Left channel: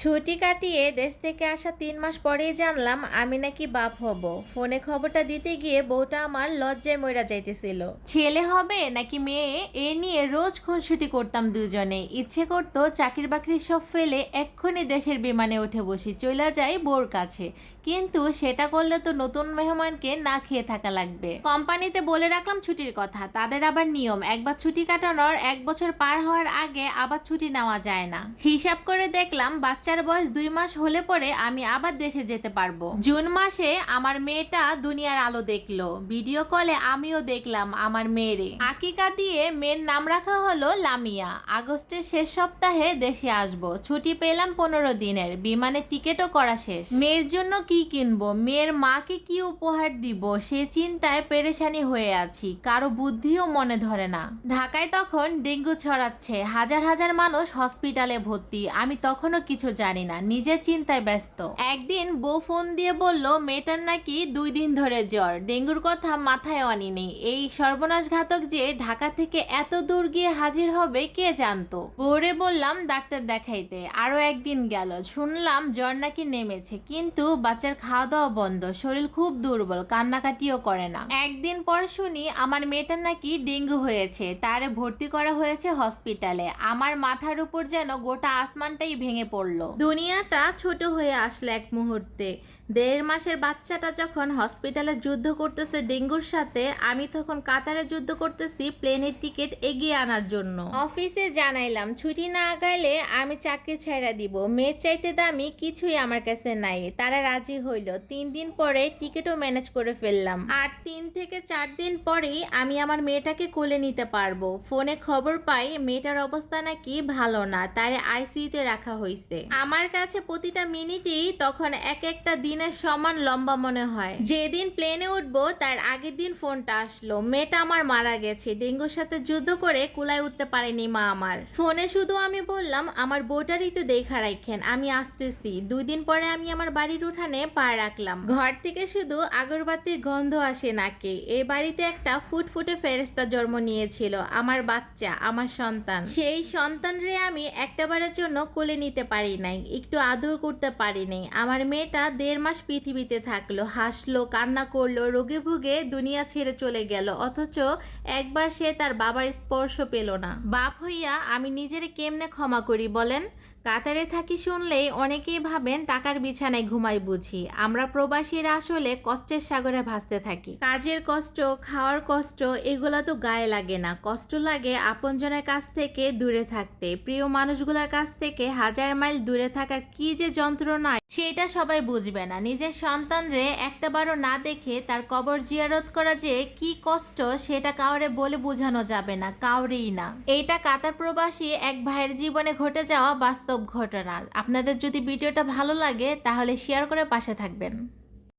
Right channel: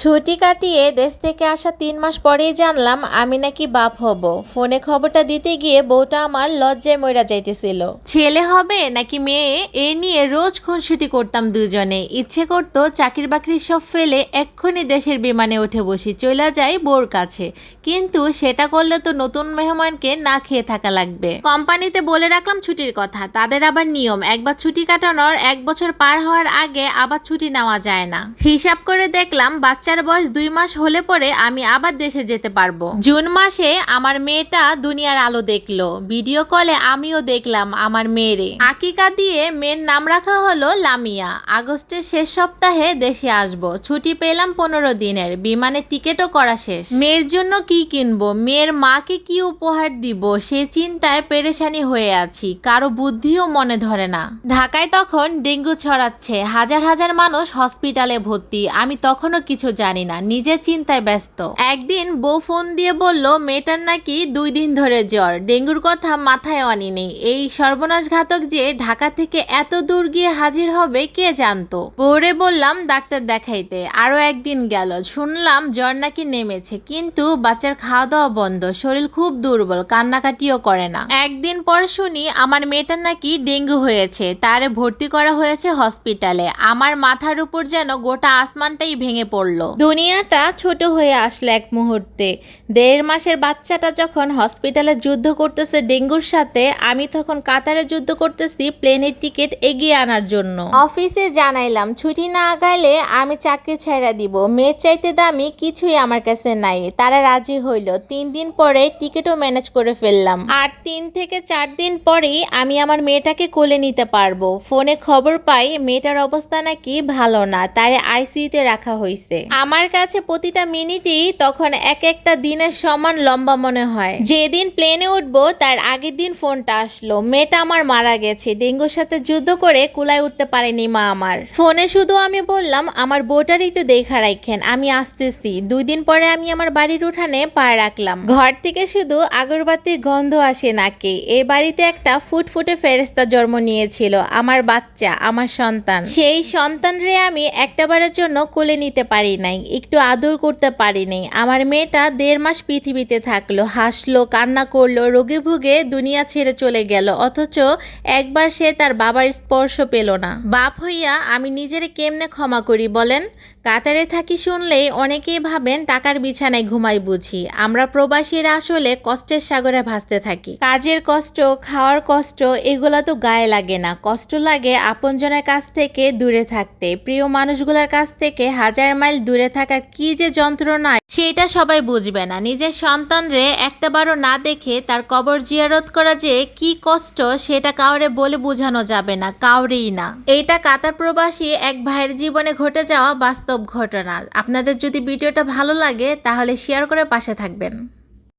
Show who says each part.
Speaker 1: ছুটি কাটিয়ে দেশ থেকে আসা তিন মাস পরেই জানলাম আমি নাকি বাপ হব। ফোনে খবরটা দিতে গিয়ে বউটা আমার লজ্জায় মইরা যাইতেছিল। ছেলে হবে নাকি মেয়ে, এ নিয়ে রোজ খুনসুটি করতাম দুজনে। ইচ্ছে করতো চাকরি বাকরি সব ফেলে এক্ষুনি দেশের বিমানে উঠে বসি চলে যাই বোর কাছে। কিন্তু সেটা করলে তো নতুন মেহমানকে না খেয়ে থাকা লাগবে। কোম্পানিতে বলে রাখলাম ছুটির কথা, তাদের আবার নিয়ম, একবার ছুটি কাটানোর এক বছর পার হওয়ার আগে আবার ছুটি নেওয়া যায় না। হিসাব করে দেখলাম বাচ্চার বয়স দুই মাস হলে পরে আমি আবার দেশে যেতে পারব। জুন মাসে আমার মেয়েটা দুনিয়ার আলো দেখল। ভিডিও কলে আমিও দেখলাম আমার মেয়েরে। আকিকা দিয়ে মেয়ের নাম রাখা হলো লামিয়া। আগস্টের শেষ সপ্তাহে দেশে আসব। ছুটি পেলাম পনেরো দিনের। বিমানের টিকিটও করা শেষ। মেয়ের জন্য কি কিনবো? মেয়ের মাকে কি উপহার দিব? সে চিন্তায় পেরেশানি হয়ে আছি। কারও বুদ্ধিও মনে ধরে না। ঢাকায় তখন ডেঙ্গু ছড়াচ্ছে। হাজার হাজার মানুষ হসপিটালে ভর্তি। আমি তখনও কিছু জানি না, নিজের চিন্তায় ব্যস্ত। একদিন বউ ফোন দিয়ে বলল, মেয়েটার নাকি দুই দিন ধরে জ্বর। ডেঙ্গুর কথা মাথায় আনি নেই এই সর্বনাশ ঘাতক যে ঢাকা থেকে এত দূর গিয়ে হাজির হবে, কে জানতো? বউরে বললাম, ডাক্তার দেখাইতে। আরও একদিন গেল, শুনলাম জ্বর নাকি নেমেছে, কিন্তু বাচ্চার খাওয়া দাওয়া বন্ধ, শরীর খুব দুর্বল, কান্নাকাটিও করে না। একদিন পর শুনি, আমার মেয়েটার নাকি ডেঙ্গু হয়েছে, তারে ভর্তি করা হয়েছে হসপিটালে। আমার মাথার উপর যেন গোটা আসমানটাই ভেঙে পড়ল। দুনিয়াটা ছোট হয়ে আসলো এক মুহূর্তে। দেড় মাসের বাচ্চাটা যখন হসপিটালে যুদ্ধ করতেছে ডেঙ্গুর সাথে, আমি তখন কাতারে যুদ্ধ করতেছি প্লেনের টিকিট এগিয়ে আনার জন্য। অফিসে জানাইলাম, ছুটি না আগাইলে আমি চাকরি ছেড়ে দিব। মেয়ের চাইতে দামি কিছুই আমার কাছে নাই। তারা রাজি হইল। তিন দিন পরে টিকিটও ম্যানেজ করে ফেললাম। আর তিন থেকে চার দিন পরেই আমি আমার মেয়েটাকে কোলে নিতে পারব। ফোনে খবর পাই, মেয়েটার অবস্থা নাকি ভালো না, তারে আইসিইউতে রাখা হয়েছে আমার কাছে প্রতিটা মিনিটই তখন এক একটা দিনের সমান লম্বা মনে হয়। যেদিন প্লেনে উঠবো, তার আগের দিন ফোনটা আসলো। মেয়েটা আমার মারা গেছে। ডেঙ্গুর সাথে যুদ্ধ করে কুলায় উঠতে পারেনি মা আমার। ফোনে শুধু আমি বললাম, আমার বউটার একটু দেখা রাখেন আমি আসতেছি। দুই দিন পরে আমি আমার বাড়ির উঠানে পা রাখলাম। ঘর থেকে শুধু আগরবাতির গন্ধ আসে নাকে। এ বাড়িতে একটা ফুটফুটে ফেরেস্তা জন্ম নিয়েছিল। আমার বাচ্চা, আমার সন্তান। সেই সন্তান রে আমি একটাবারের জন্য কোলে নিতে পারি নাই, একটু আদর করতে পারি নাই। আমার মেয়েটা দেড় মাস পৃথিবীতে থাকল, হাসলো, কান্না করল, রোগে ভুগে দুনিয়া ছেড়ে চলে গেল, অথচ একবার সে তার বাবার স্পর্শ পেল না। বাপ হইয়া আমি নিজের কেমনে ক্ষমা করি বলেন? কাতারে থাকি শুনলেই অনেকেই ভাবেন টাকার বিছানায় ঘুমাই বুঝি। আমরা প্রবাসীরা আসলে কষ্টের সাগরে ভাসতে থাকি। কাজের কষ্ট, খাওয়ার কষ্ট, এগুলা তো গায়ে লাগে না। কষ্ট লাগে আপনজনের কাছ থেকে দূরে থাকতে। প্রিয় মানুষগুলোর কাছ থেকে হাজার মাইল দূরে থাকার কি যে যন্ত্রণা, সেটা সবাই বুঝবে না। নিজের সন্তানরে একটাবারও না দেখে তার কবর জিয়ারত করা যে কি কষ্ট, সেটা কাউরে বলে বোঝানো যাবে না, কাউরেই না। এইটা কাতার প্রবাসী এক ভাইয়ের জীবনে ঘটে যাওয়া বাস্তব ঘটনা। আপনাদের যদি ভিডিওটা ভালো লাগে, তাহলে শেয়ার করে পাশে থাকবেন।